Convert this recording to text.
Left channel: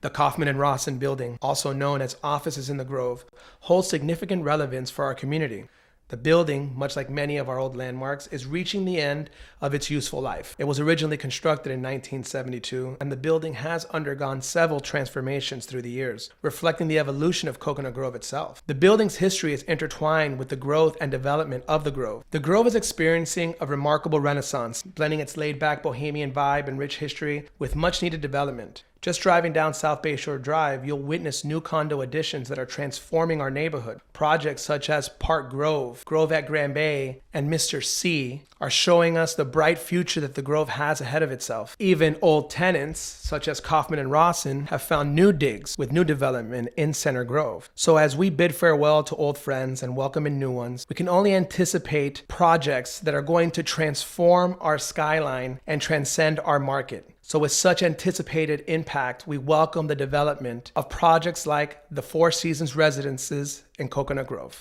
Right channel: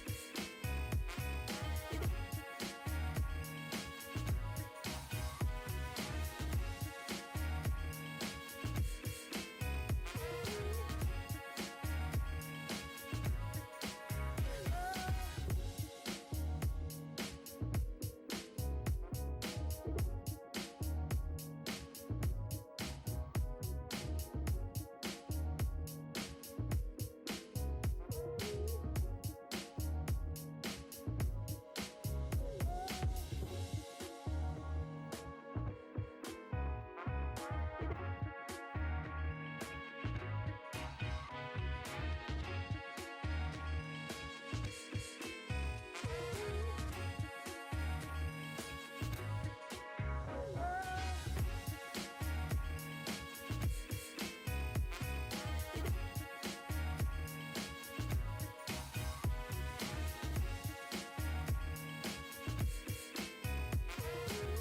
The Kauffman and Rossin building, also known as Offices in the Grove, holds significant relevance for our community. The building, much like many of our old landmarks, is reaching the end of its useful life. It was originally constructed in 1972, and the building has undergone several transformations through the years, reflecting the evolution of Coconut Grove itself. The building's history is intertwined with the growth and development of the Grove. The Grove is experiencing a remarkable renaissance, blending its laid-back bohemian vibe and rich history with much-needed development. Just driving down South Bayshore Drive, you'll witness new condo additions that are transforming our neighborhood. Projects such as Park Grove, Grove at Grand Bay, and Mr. C are showing us the bright future that the Grove has ahead of itself. Even old tenants, such as Kauffman and Rossin, have found new digs with new development in Center Grove. So as we bid farewell to old friends and welcome in new ones, we can only anticipate projects that are going to transform our skyline and transcend our market. So with such anticipated impact, we welcome the development of projects like the Four Seasons Residences in Coconut Grove.